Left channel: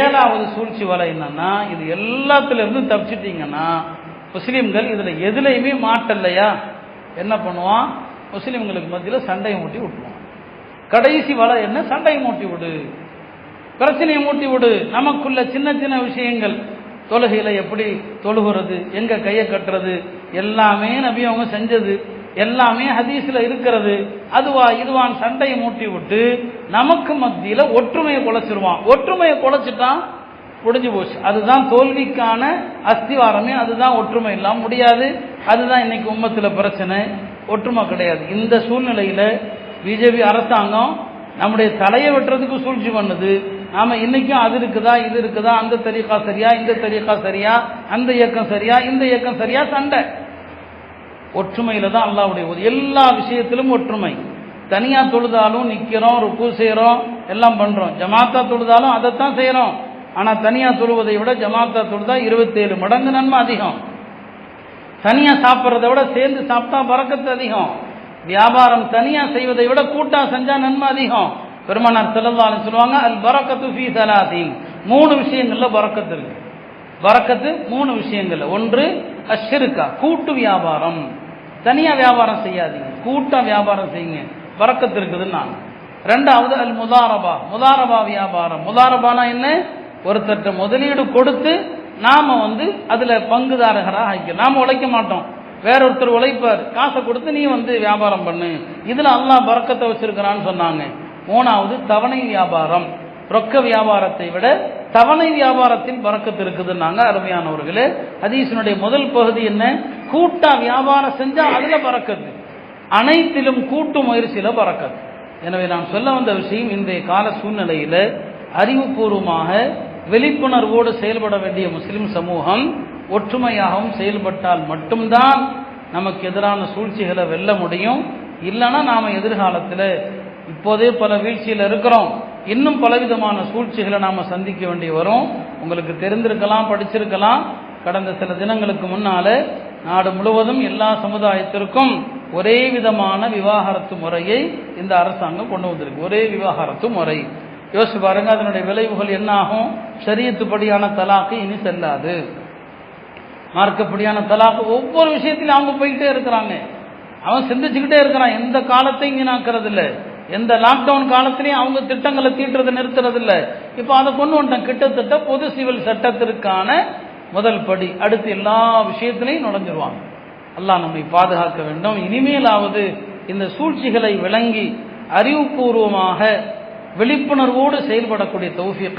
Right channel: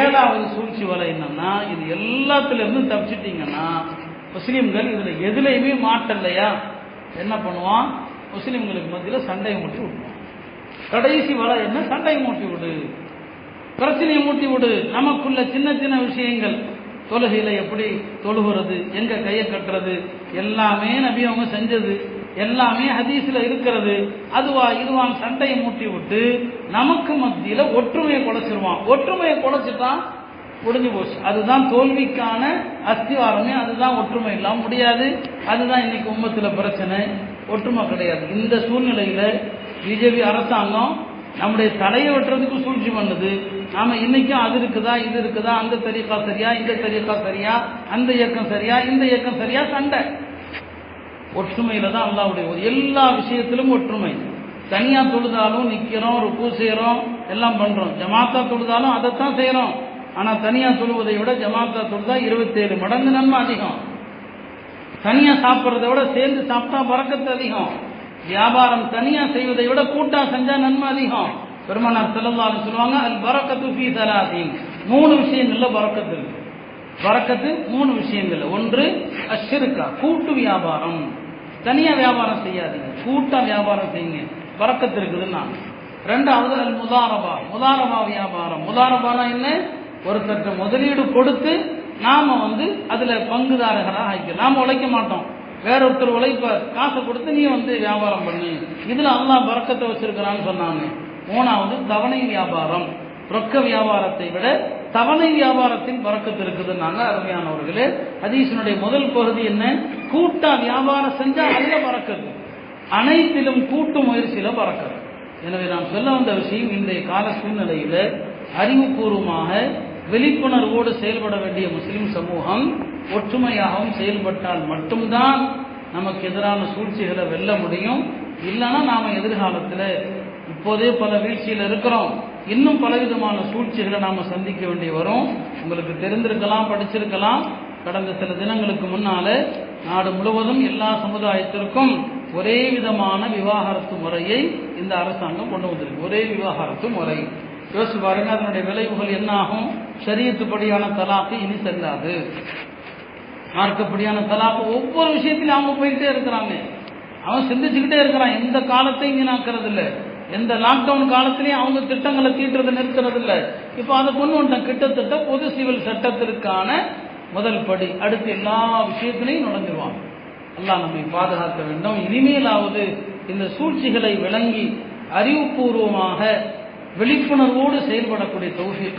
ஏழாவது சூழ்ச்சி வலை என்னன்னா, இது எல்லாத்திலிருந்து தப்பிச்சிட்டீங்கன்னா முஸ்லீம்கள் இதுல எதுலையுமே மாட்டலையா என்ன பண்ணுவான், முஸ்லீம்களுக்கு மத்தியில் சண்டையை மூட்டி விட்டுருவான். கடைசி வலை என்ன, சண்டையை மூட்டி விடு, பிரச்சனையை மூட்டி விடு. நமக்குள்ள சின்ன சின்ன விஷயங்கள், தொழுகையில எப்படி தொழுகிறது, எங்க கையை கட்டுறது, எல்லாமே நபி அவங்க செஞ்சது, எல்லாமே ஹதீஸ்ல இருக்கிறது. அதுவா இதுவான் சண்டையை மூட்டி விட்டு நமக்கு மத்தியில ஒற்றுமையை குலைச்சிருவான். ஒற்றுமையை குலைச்சிட்டான், முடிஞ்சு போச்சு. அதுதான் தோல்விக்கான அஸ்திவாரமே, அதுதான். ஒற்றுமை இல்லாம முடியாது. அதுதான் இன்னைக்கு உம்மத்துல பிரச்சனை, ஒற்றுமை கிடையாது. இந்த சூழ்நிலையில பிஜேபி அரசாங்கம் நம்முடைய தலையை வெட்டுறதுக்கு சூழ்ச்சி பண்ணுது. நாம இன்னைக்கும் அது இருக்குதா இது இருக்குதா, அந்த தரீக்கா சரியா இந்த தரீக்கா சரியா, அந்த இயக்கம் சரியா இந்த இயக்கம் சரியா, சண்டை. ஒற்றுமையில தான் அல்லாஹ்வுடைய எல்லா விஷயத்திலும் ஒற்றுமை. தனியா தொழுதாலும் நிக்கிறோம், ருக்கு செய்யறோம், எல்லாம் பண்றோம். ஜமாத்தா தொழுதாலும் அதைத்தான் செய்யறோம். ஆனா தனியா தொழுவதை விட ஜமாத்தா தொழுதா 27 மடங்கு நன்மை அதிகம். தனியா சாப்பிட்றதை விட சேர்ந்து சாப்பிட்டா பரக்கத்து அதிகம். வியாபாரம் தனியா செய்வதை விட கூட்டா செஞ்சா நன்மை அதிகம். பெருமானார் ஸல்லல்லாஹு அலைஹி சொல்லுவாங்க, அல் பரக்கத்து ஃபீ ஸலாத்தின், 3 விஷயங்கள்ல பரக்கத்து இருக்கு. பரக்கத்து 3 விஷயங்கள்ல. ஒன்று அஷ்ஷிர்கா, கூட்டு வியாபாரம். தனியா வியாபாரம் செய்யாதீங்க, கூட்டா வியாபாரம் செய்யுங்க, பரக்கத்து இருக்குதுன்னா. ரெண்டாவது அல் முதாரபா, முதாரபா வியாபாரம். முதாரபானா என்ன, ஒருத்தர் முதலீடு கொடுத்து நாம அதுல பங்குதாரர்களாக ஆகிக்கலாம். நாம உழைக்க மாட்டோம், வேறொருத்தர் உழைப்பார், காசை கொடுத்து நீ வியாபாரம் பண்ணு. இதுல அல்லாஹ் பரக்கத்தை வச்சிருக்கிறான்னு சொன்னாங்க. மூணாவது தவணை வியாபாரம். ரொக்க வியாபாரத்தை விட தவணை வியாபாரத்தில் பரக்கத்து இருக்குதுன்னாங்க. அருமையானவர்களே, ஹதீஸினுடைய முதல் பகுதி என்ன, கூட்டா வியாபாரம் செஞ்சா அதுல பரக்கத்து, அனைத்திலும் கூட்டு முயற்சியில பரக்கத்து. எனவே நான் சொல்ல வந்த விஷயம், இன்றைய கால சூழ்நிலையில அறிவுபூர்வமாக விழிப்புணர்வோடு செயல்பட வேண்டிய முஸ்லிம் சமூகம் ஒற்றுமையாகவும் செயல்பட்டால் மட்டும்தான் நமக்கு எதிரான சூழ்ச்சிகளை வெல்ல முடியும். இல்லைன்னா நாம எதிர்காலத்தில் இப்போதே பல வீழ்ச்சியில் இருக்கிறோம், இன்னும் பலவிதமான சூழ்ச்சிகளை நாம சந்திக்க வேண்டி வரும். உங்களுக்கு தெரிந்திருக்கலாம், படிச்சிருக்கலாம். கடந்த சில தினங்களுக்கு முன்னால நாடு முழுவதும் எல்லா சமுதாயத்திற்கும் ஒரே விதமான விவாகரத்து முறையை இந்த அரசாங்கம் கொண்டு வந்திருக்கு. ஒரே விவாகரத்து முறை. யோசிச்சு பாருங்க, அதனுடைய விளைவுகள் என்ன ஆகும். ஷரியத்துப்படியான தலாக்கு இனி செல்லாது. மார்க்கப்படியான தலாக்கு ஒவ்வொரு விஷயத்திலும் அவங்க போயிட்டே இருக்கிறாங்க. அவன் சிந்திச்சுக்கிட்டே இருக்கிறான். எந்த காலத்தையும் வீணாக்குறது இல்லை. எந்த லாக்டவுன் காலத்திலையும் அவங்க திட்டங்களை தீட்டுறது நிறுத்துறது இல்லை. இப்போ அதை கொண்டு வந்துட்டான். கிட்டத்தட்ட பொது சிவில் சட்டத்திற்கான முதல் படி. அடுத்து எல்லா விஷயத்திலையும் நுழைஞ்சிருவாங்க. அல்லாஹ் நம்மை பாதுகாக்க வேண்டும். இனிமேலாவது இந்த சூழ்ச்சிகளை விளங்கி அறிவுபூர்வமாக விழிப்புணர்வோடு செயல்படக்கூடிய தௌஃபீக்